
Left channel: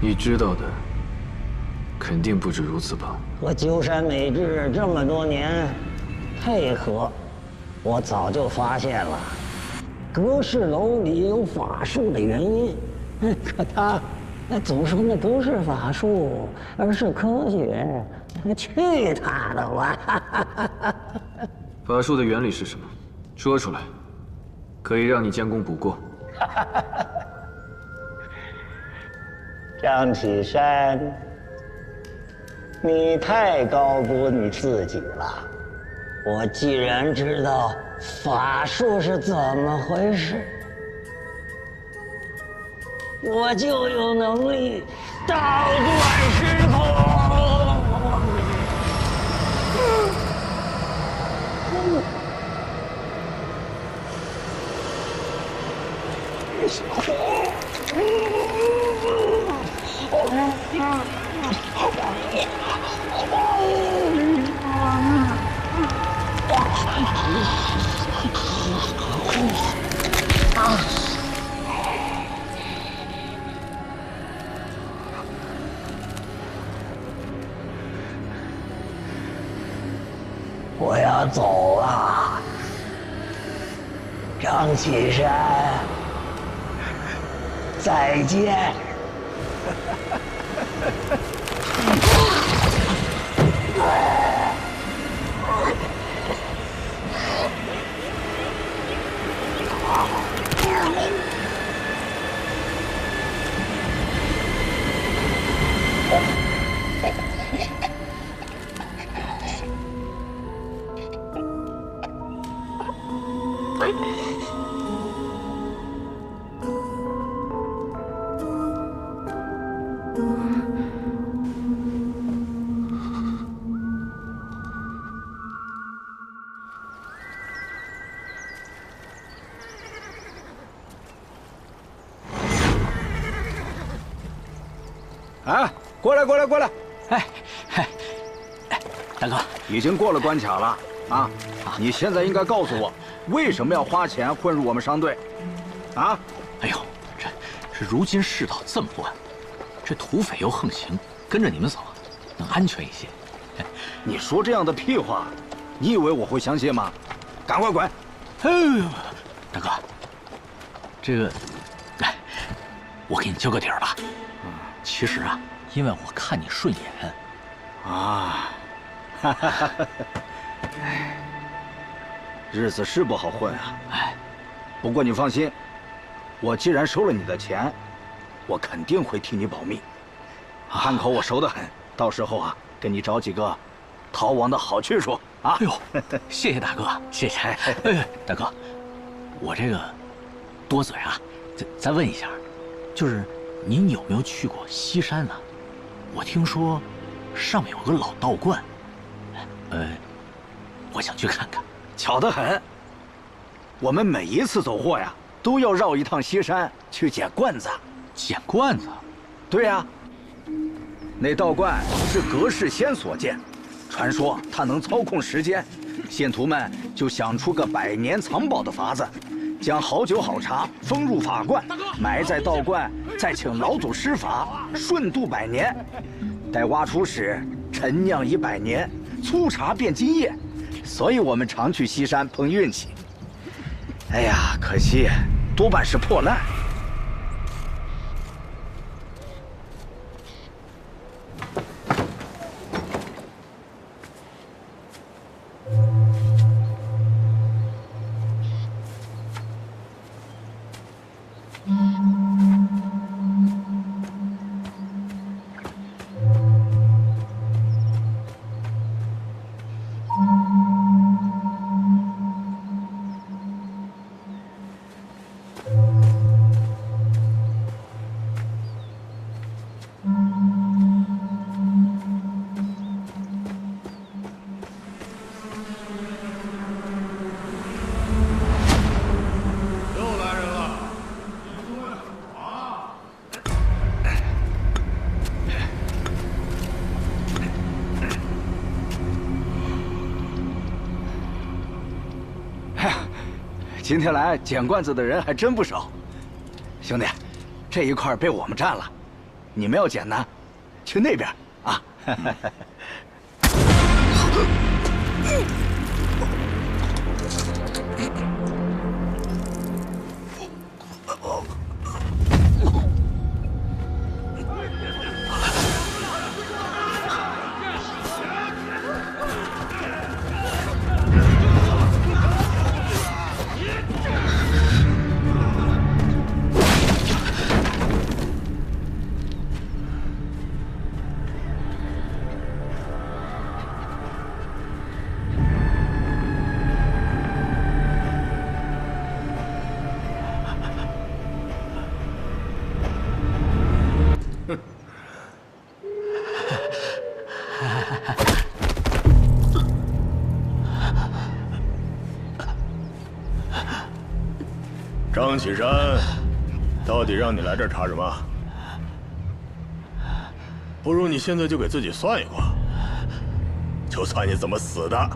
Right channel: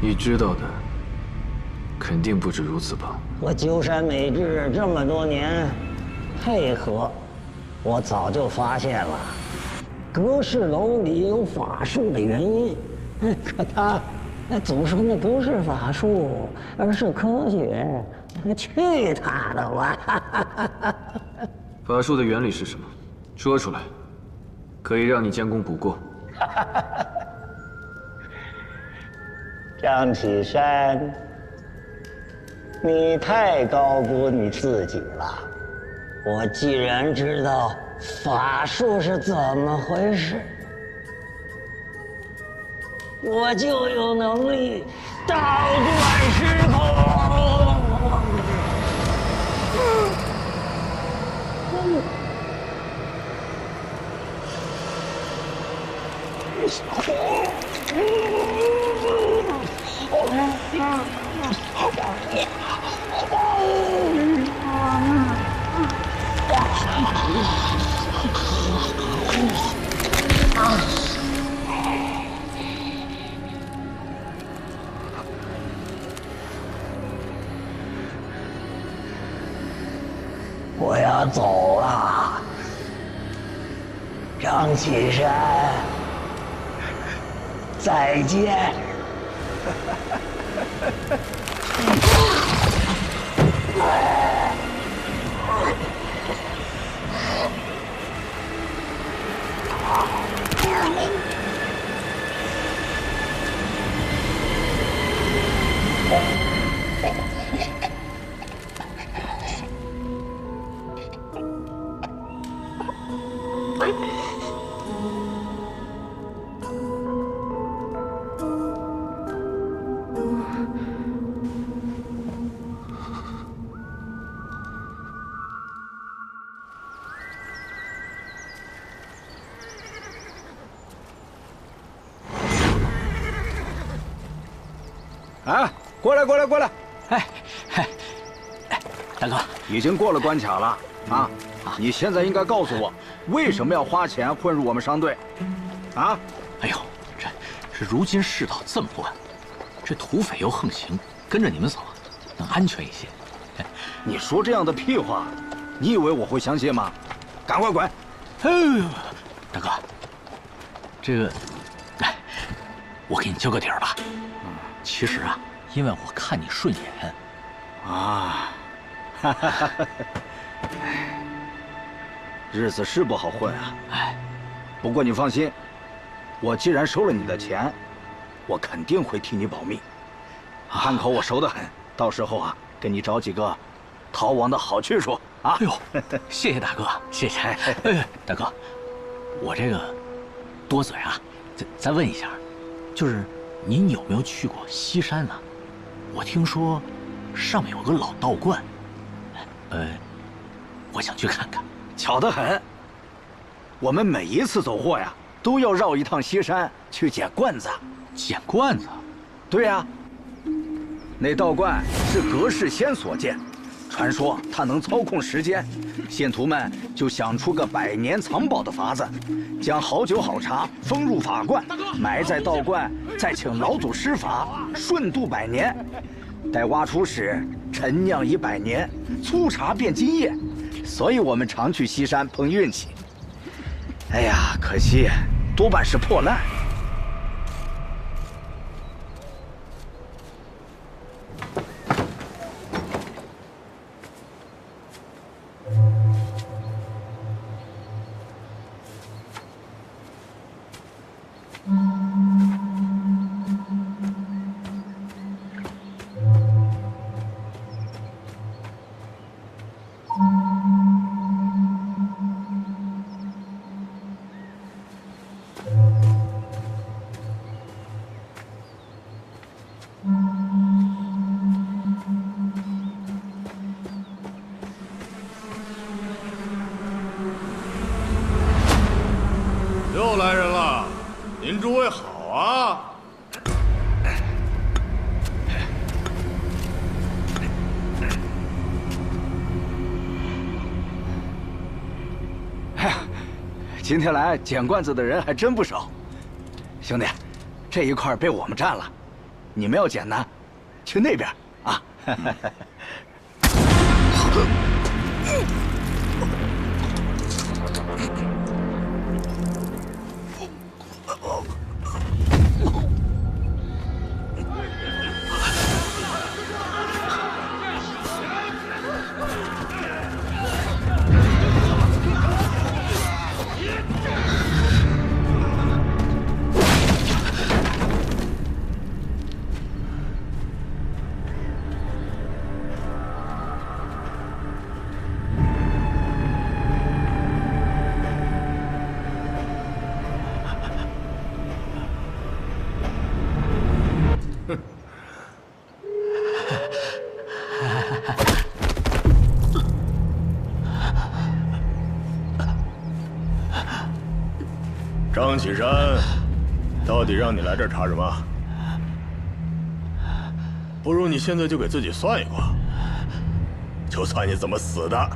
你知道的肯定不止如此吧？和鸠山美智这么多年配合，我早就发现了，阁事楼里有法术的原因。可他总说那不是法术，而是科学。去他的吧！法术的原理是什么？说出来，可以让你将功补过。张启山，你太高估你自己了。我既然知道法术是怎么回事，我就有能力倒转时空。我要走了，张启山，再见。哎，过来，过来，过来！哎，大哥，已经过了关卡了啊！你现在应该告诉我，为什么要花钱混入我们商队？啊！哎呦，这如今世道这么乱，这土匪又横行，跟着你们走能安全一些。你说这样的屁话，你以为我会相信吗？赶快滚！大哥，这个，来，我给你交个底儿吧。其实啊，因为我看你顺眼，啊，日子是不好混啊。哎，不过你放心，我既然收了你的钱，我肯定会替你保密。汉口我熟得很，到时候啊，给你找几个逃亡的好去处啊。哎呦，谢谢大哥，谢谢。哎，大哥，我这个多嘴啊，再问一下，就是您有没有去过西山呢？我听说上面有个老道观，我想去看看。巧得很，我们每一次走货呀，都要绕一趟西山去捡罐子。捡罐子？对呀，那道观是阁事仙所建，传说他能操控时间，信徒们就想出个百年藏宝的法子，将好酒好茶封入法罐，埋在道观，再请老祖施法，顺度100年。待挖出时，陈酿已100年，粗茶变金液。所以我们常去西山碰运气。哎呀，可惜多半是破烂。又来人了，您诸位好啊！今天来捡罐子的人还真不少，兄弟，这一块被我们占了，你们要简单，去那边啊。张启山，到底让你来这儿查什么？不如你现在就给自己算一卦，就算你怎么死的。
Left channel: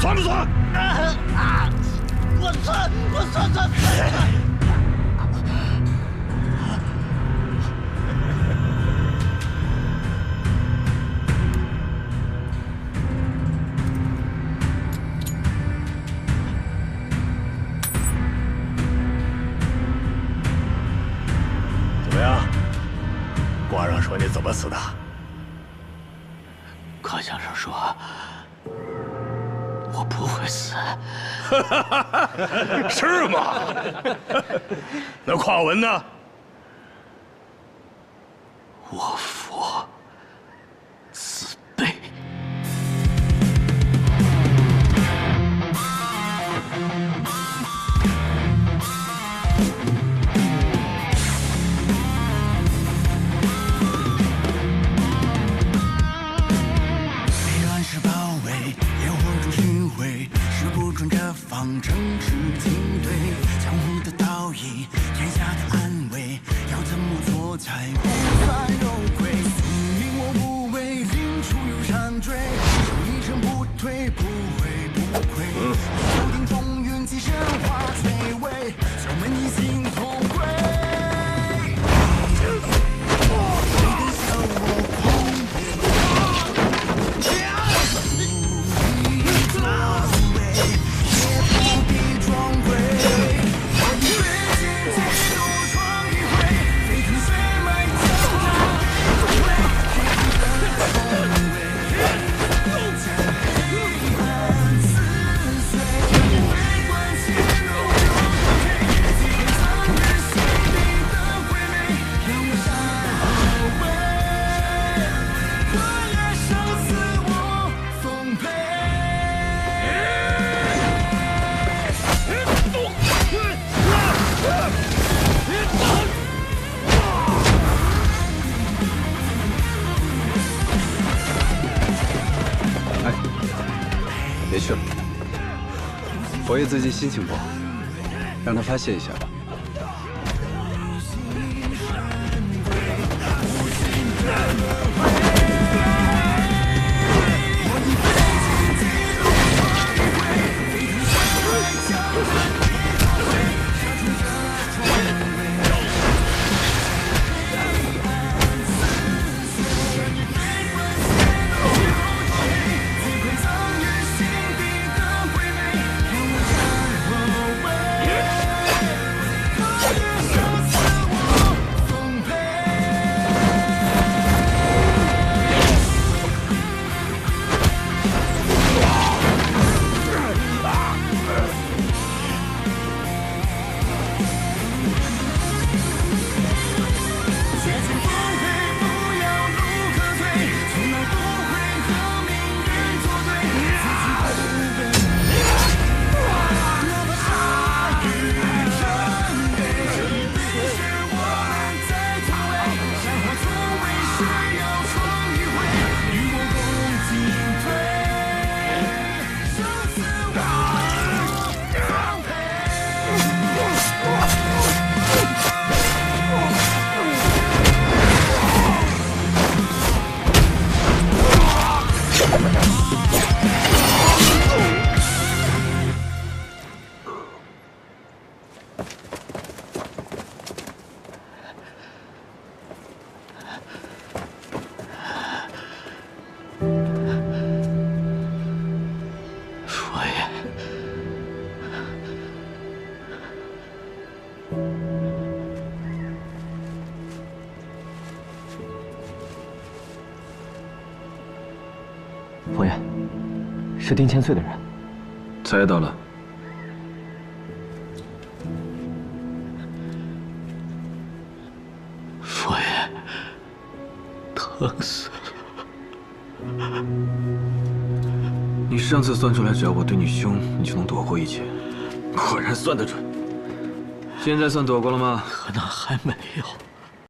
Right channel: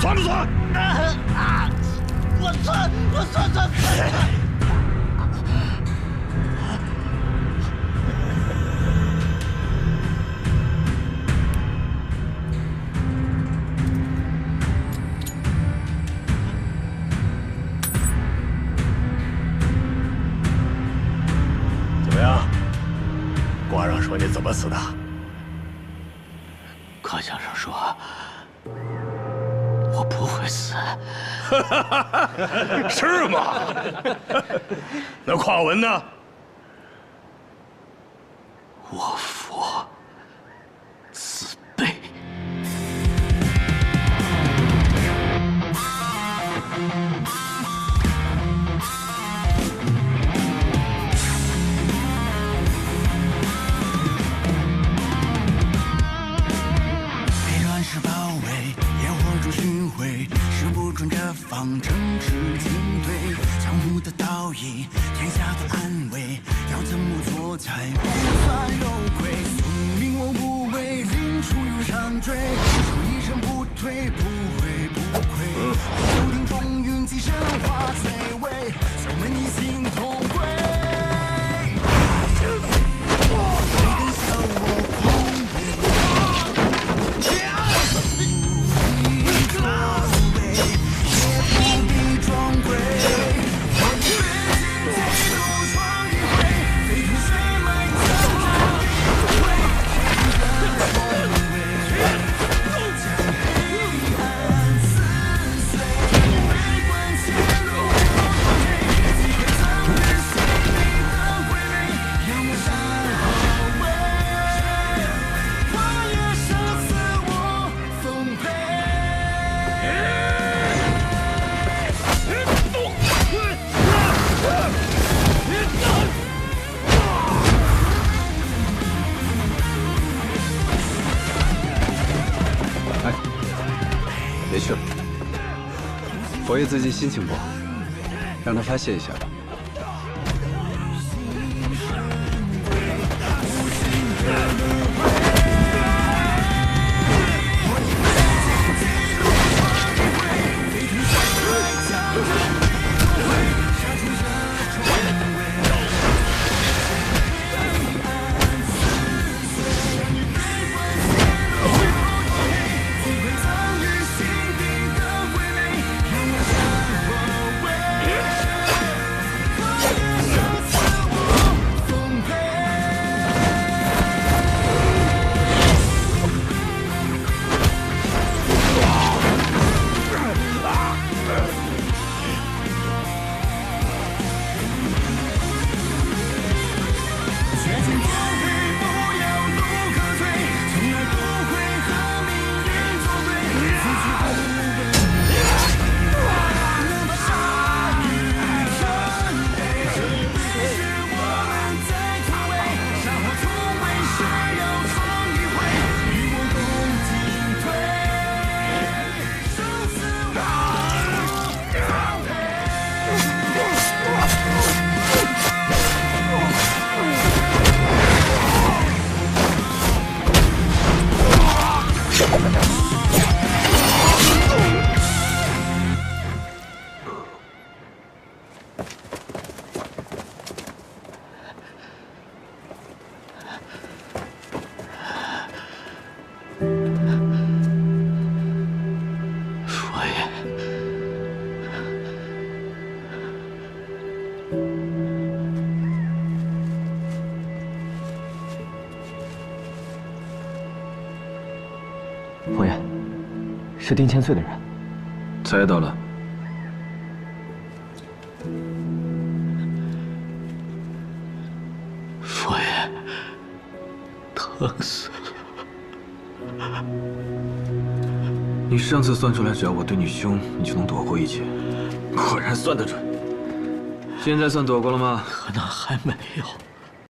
算不算？我算。怎么样？卦上说你怎么死的？卦象上说我不会死。是吗？那卦文呢？我佛慈悲。被乱世包围，野火中巡回，时不准这方程式进对，江湖的道义，天下的安危，要怎么做才不算有愧？宿命我无畏，临出有山追，手一生不退，不悔不愧。注定风云际神化摧毁，小门一心同归。别去了，佛爷最近心情不好，让他发泄一下吧。佛爷，是丁千岁的人。猜到了。佛爷，疼死了。你上次算出来，只要我对你凶，你就能躲过一劫，果然算得准。现在算躲过了吗？可能还没有。